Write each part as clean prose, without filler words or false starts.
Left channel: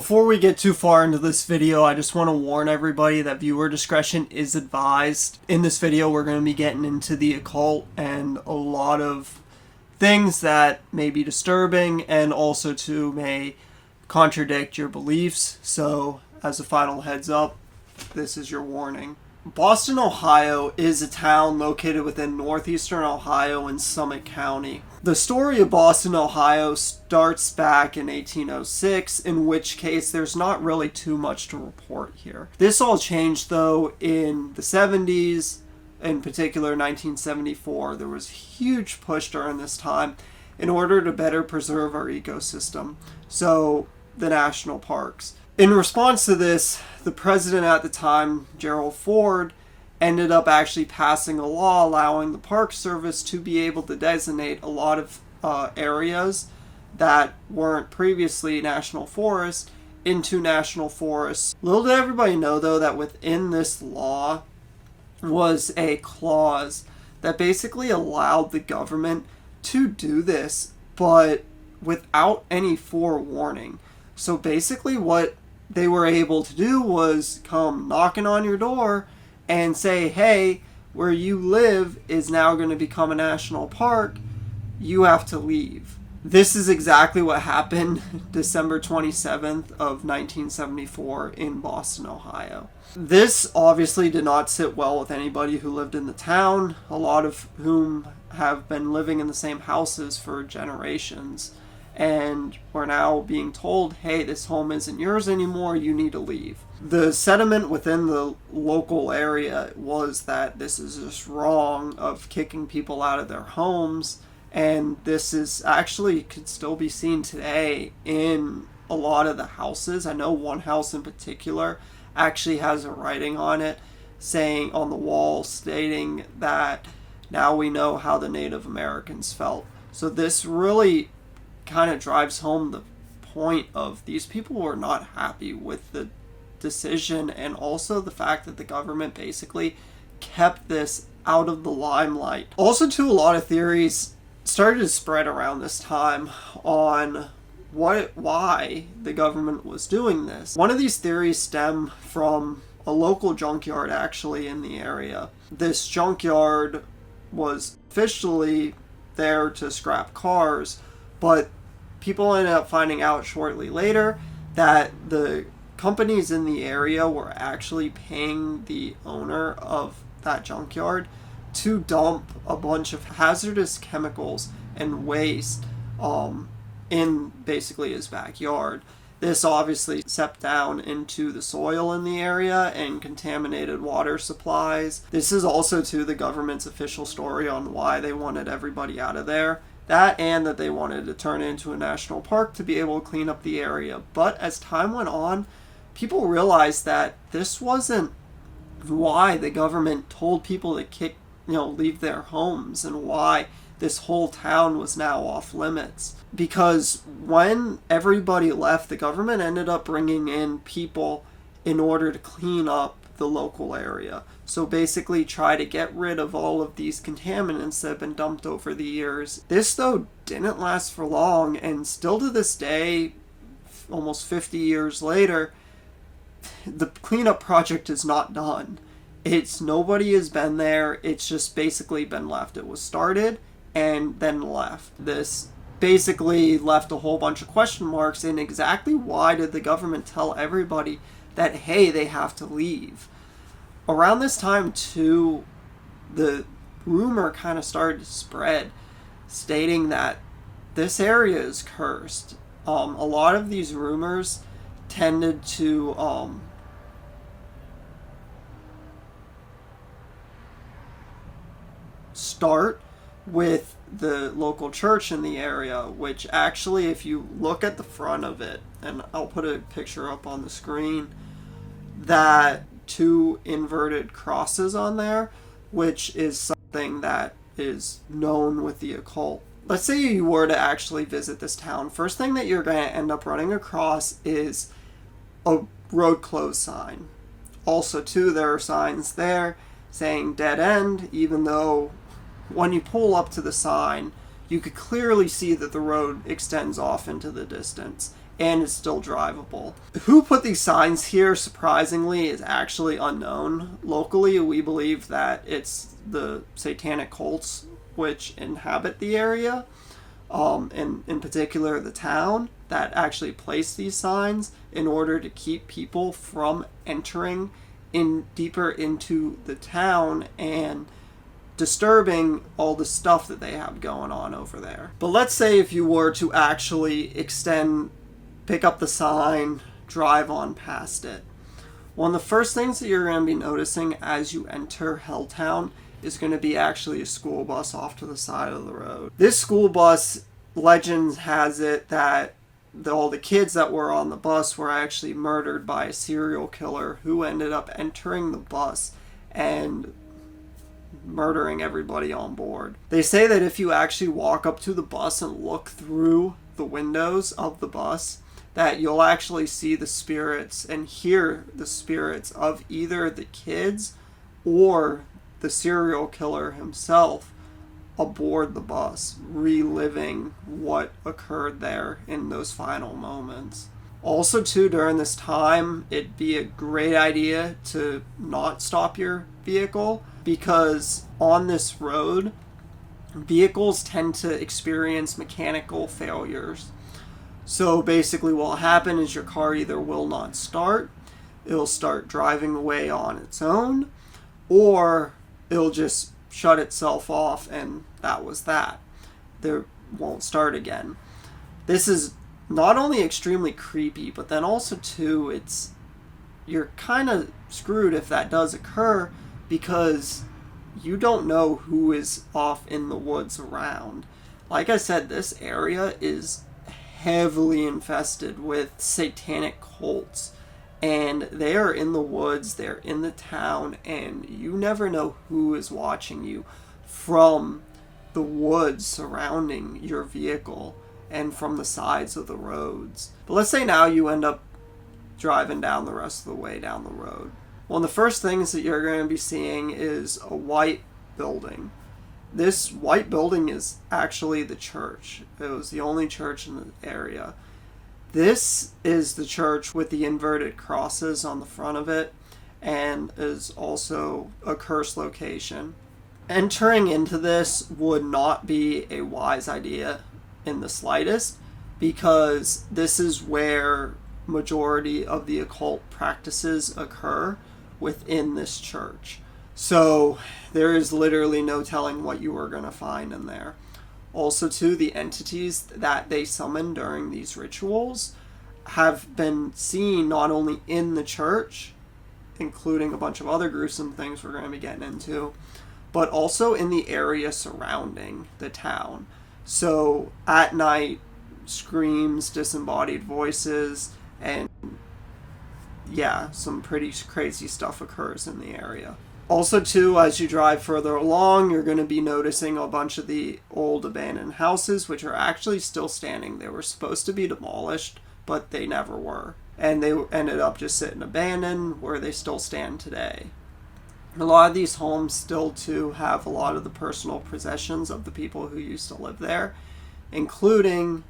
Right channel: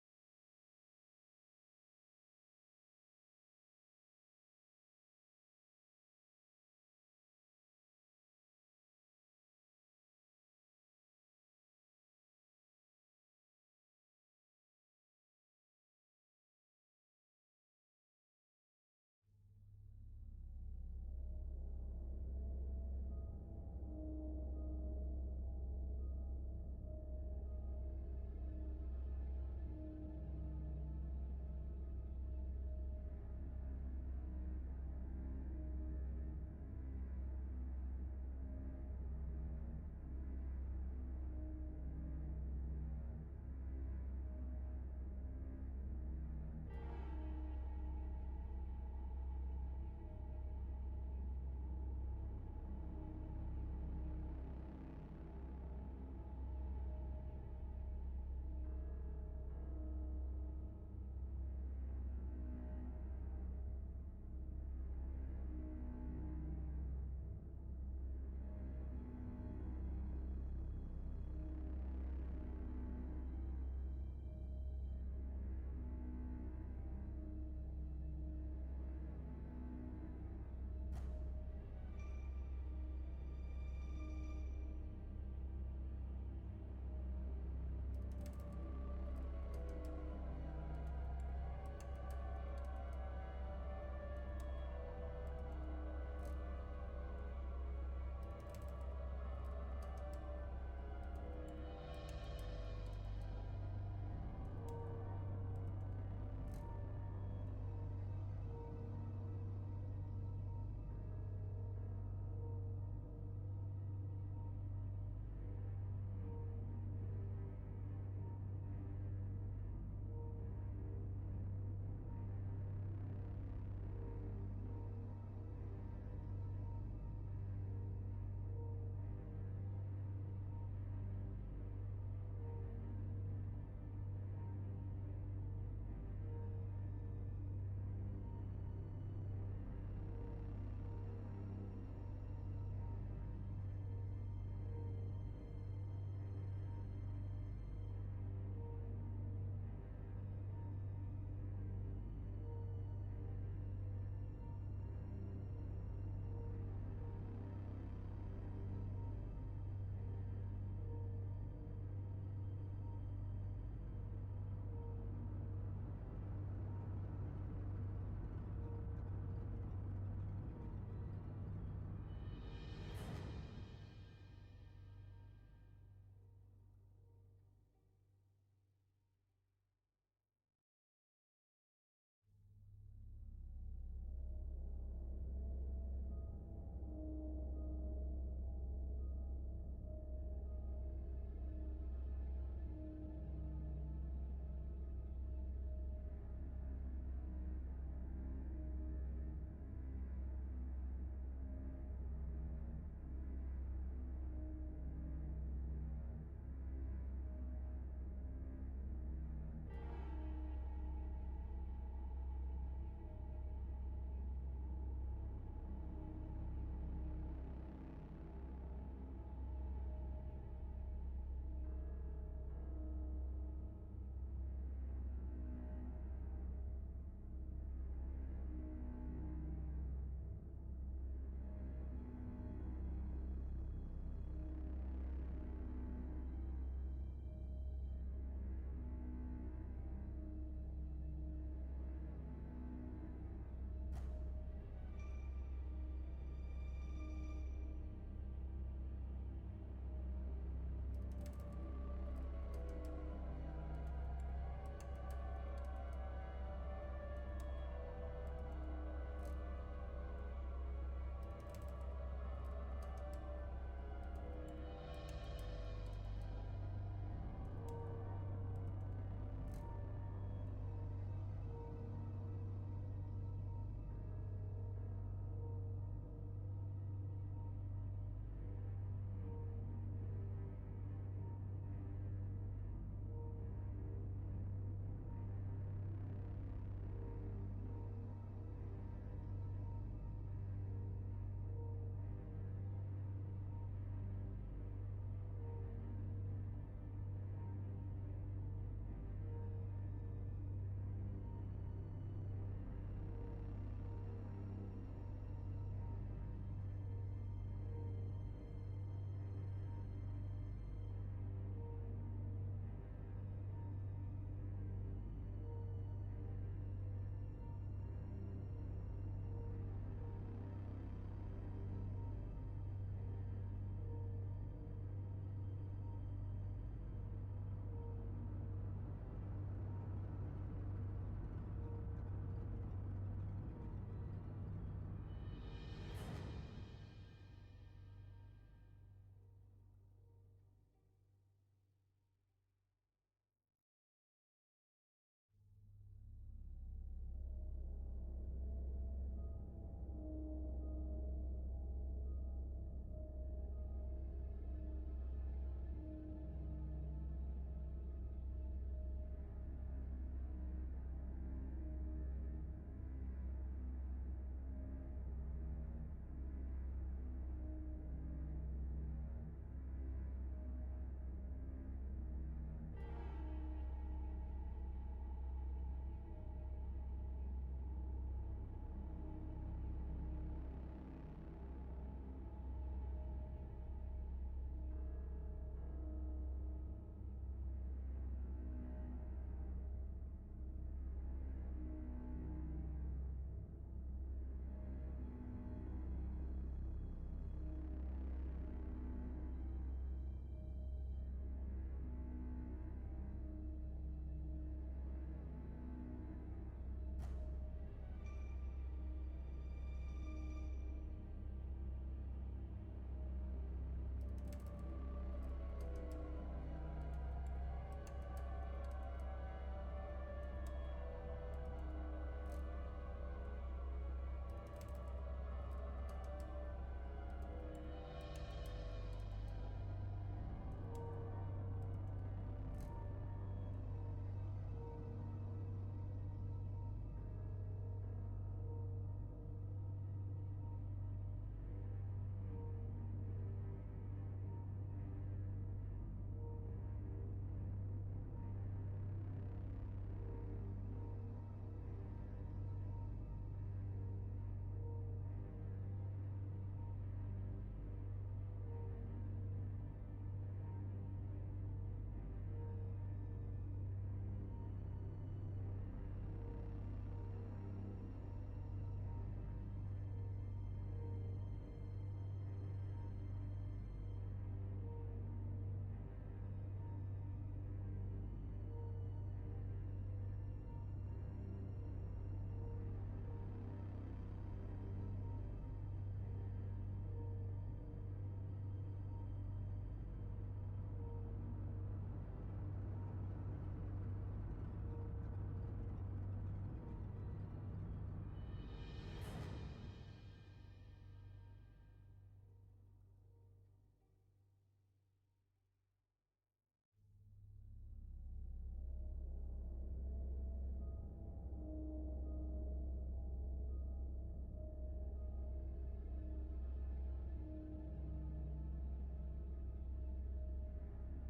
Before we get too far into this video, I just want to warn everybody that viewer discretion is advised. In this video, we're going to be getting into the occult and a lot of things that may be disturbing and also too may contradict your beliefs. So, as a final heads up, this is your warning. Boston, Ohio is a town located within northeastern Ohio in Summit County. The story of Boston, Ohio starts back in 1806, in which case there's not really too much to report here. This all changed though in the 70s, in particular 1974. There was a huge push during this time in order to better preserve our ecosystem, so the national parks. In response to this, the president at the time, Gerald Ford, ended up actually passing a law allowing the Park Service to be able to designate a lot of areas that weren't previously national forests into national forests. Little did everybody know, though, that within this law was a clause that basically allowed the government to do this, but without any forewarning. So basically what they were able to do was come knocking on your door and say, hey, where you live is now going to become a national park. You have to leave. This is exactly what happened December 27th of 1974 in Boston, Ohio. This obviously did not sit well with anybody who lived in the town, a lot of whom have been living in the same houses for generations. And we're now being told, hey, this home isn't yours anymore, you need to leave. The sentiment within the local area was that this is just wrong, of kicking people out of their homes, and this is actually could still be seen today in a lot of the houses. I know one house in particular actually has a writing on it saying on the wall stating that now we know how the Native Americans felt. So this really kind of drives home the point of these people were not happy with the decision, and also the fact that the government basically kept this out of the limelight. Also, too, a lot of theories started to spread around this time on why the government was doing this. One of these theories stem from a local junkyard actually in the area. This junkyard was officially there to scrap cars, but people ended up finding out shortly later that the companies in the area were actually paying the owner of that junkyard to dump a bunch of hazardous chemicals and waste in basically his backyard. This obviously seeped down into the soil in the area and contaminated water supplies. This is also to the government's official story on why they wanted everybody out of there. That and that they wanted to turn it into a national park to be able to clean up the area. But as time went on, people realized that this wasn't why the government told people to leave their homes, and why this whole town was now off limits. Because when everybody left, the government ended up bringing in people in order to clean up the local area. So basically try to get rid of all of these contaminants that have been dumped over the years. This, though, didn't last for long, and still to this day, almost 50 years later, the cleanup project is not done. Nobody has been there. It's just basically been left. It was started and then left. This basically left a whole bunch of question marks in exactly why did the government tell everybody that, hey, they have to leave. Around this time, too, the rumor kind of started to spread, stating that this area is cursed. A lot of these rumors tended to start with the local church in the area, which actually, if you look at the front of it, and I'll put a picture up on the screen, that two inverted crosses on there, which is something that is known with the occult. Let's say you were to actually visit this town. First thing that you're going to end up running across is a road closed sign. Also, too, there are signs there saying dead end, even though when you pull up to the sign, you could clearly see that the road extends off into the distance. and it's still drivable. Who put these signs here, surprisingly, is actually unknown. Locally, we believe that it's the satanic cults which inhabit the area, in particular the town, that actually place these signs in order to keep people from entering in deeper into the town and disturbing all the stuff that they have going on over there. But let's say if you were to actually pick up the sign, drive on past it. One of the first things that you're going to be noticing as you enter Helltown is going to be actually a school bus off to the side of the road. This school bus, legend has it that all the kids that were on the bus were actually murdered by a serial killer who ended up entering the bus and murdering everybody on board. They say that if you actually walk up to the bus and look through the windows of the bus, that you'll actually see the spirits and hear the spirits of either the kids or the serial killer himself aboard the bus, reliving what occurred there in those final moments. Also, too, during this time, it'd be a great idea to not stop your vehicle, because on this road, vehicles tend to experience mechanical failures. So basically what will happen is your car either will not start, it'll start driving away on its own, or it'll just shut itself off and that was that. There won't start again. This is not only extremely creepy, but then also too, you're kind of screwed if that does occur, because you don't know who is off in the woods around. Like I said, this area is heavily infested with satanic cults, and they are in the woods, they're in the town, and you never know who is watching you from the woods surrounding your vehicle and from the sides of the roads. But let's say now you end up driving down the rest of the way down the road. One of the first things that you're going to be seeing is a white building. This white building is actually the church. It was the only church in the area. This is the church with the inverted crosses on the front of it, and is also a cursed location. Entering into this would not be a wise idea in the slightest, because this is where majority of the occult practices occur within this church. So there is literally no telling what you are going to find in there. Also, too, the entities that they summon during these rituals have been seen not only in the church, including a bunch of other gruesome things we're going to be getting into, but also in the area surrounding the town. So at night, screams, disembodied voices, and yeah, some pretty crazy stuff occurs in the area. Also, too, as you drive further along, you're going to be noticing a bunch of the old abandoned houses, which are actually still standing. They were supposed to be demolished, but they never were. And they ended up just sitting abandoned, where they still stand today. A lot of these homes still, too, have a lot of the personal possessions of the people who used to live there, including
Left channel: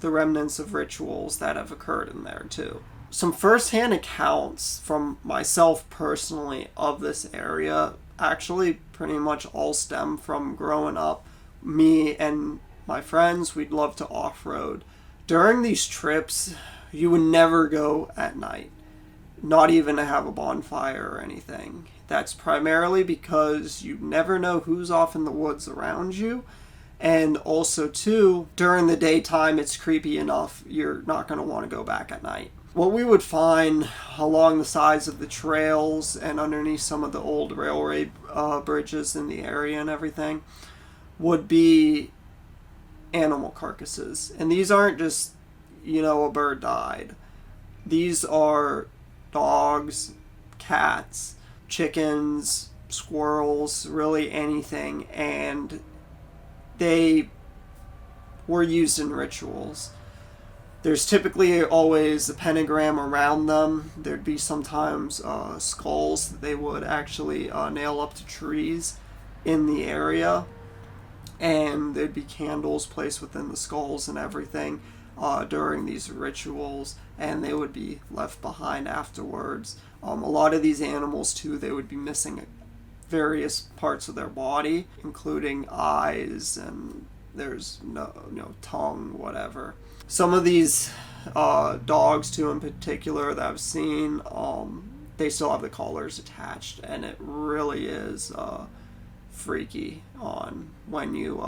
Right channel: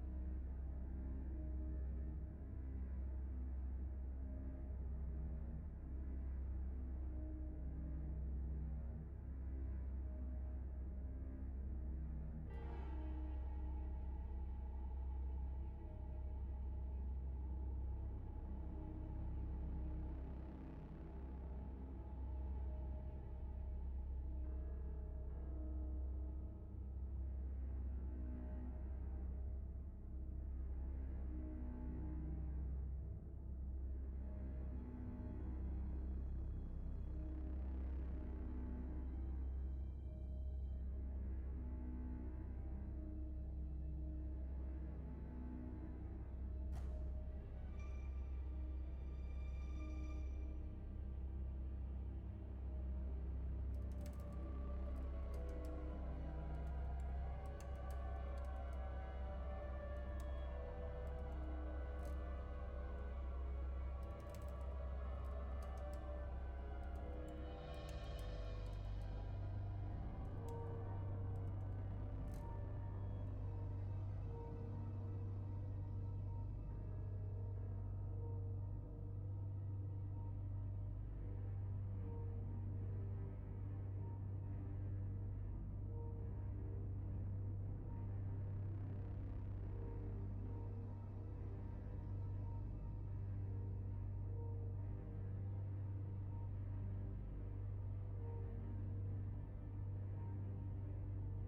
the remnants of rituals that have occurred in there, too. Some first-hand accounts from myself personally of this area actually pretty much all stem from growing up. Me and my friends, we'd love to off-road. During these trips, you would never go at night, not even to have a bonfire or anything. That's primarily because you never know who's off in the woods around you. And also, too, during the daytime, it's creepy enough, you're not going to want to go back at night. What we would find along the sides of the trails and underneath some of the old railway bridges in the area and everything would be animal carcasses. And these aren't just, a bird died. These are dogs, cats, chickens, squirrels, really anything. And they were used in rituals. There's typically always a pentagram around them. There'd be sometimes skulls that they would actually nail up to trees in the area. And there'd be candles placed within the skulls and everything. during these rituals, and they would be left behind afterwards. A lot of these animals too, they would be missing various parts of their body, including eyes, and there's no tongue, whatever. Some of these dogs too, in particular, that I've seen, they still have the collars attached, and it really is freaky on when you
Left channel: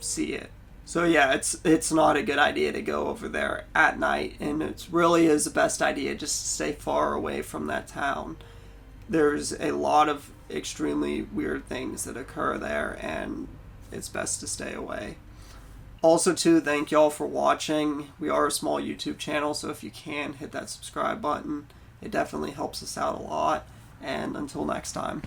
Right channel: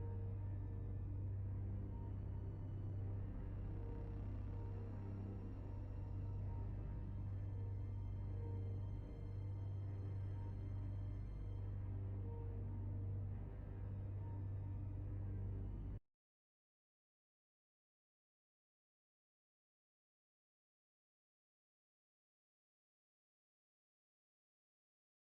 see it. So yeah, it's not a good idea to go over there at night, and it really is the best idea just to stay far away from that town. There's a lot of extremely weird things that occur there, and it's best to stay away. Also too, thank y'all for watching. We are a small YouTube channel, so if you can, hit that subscribe button. It definitely helps us out a lot, and until next time.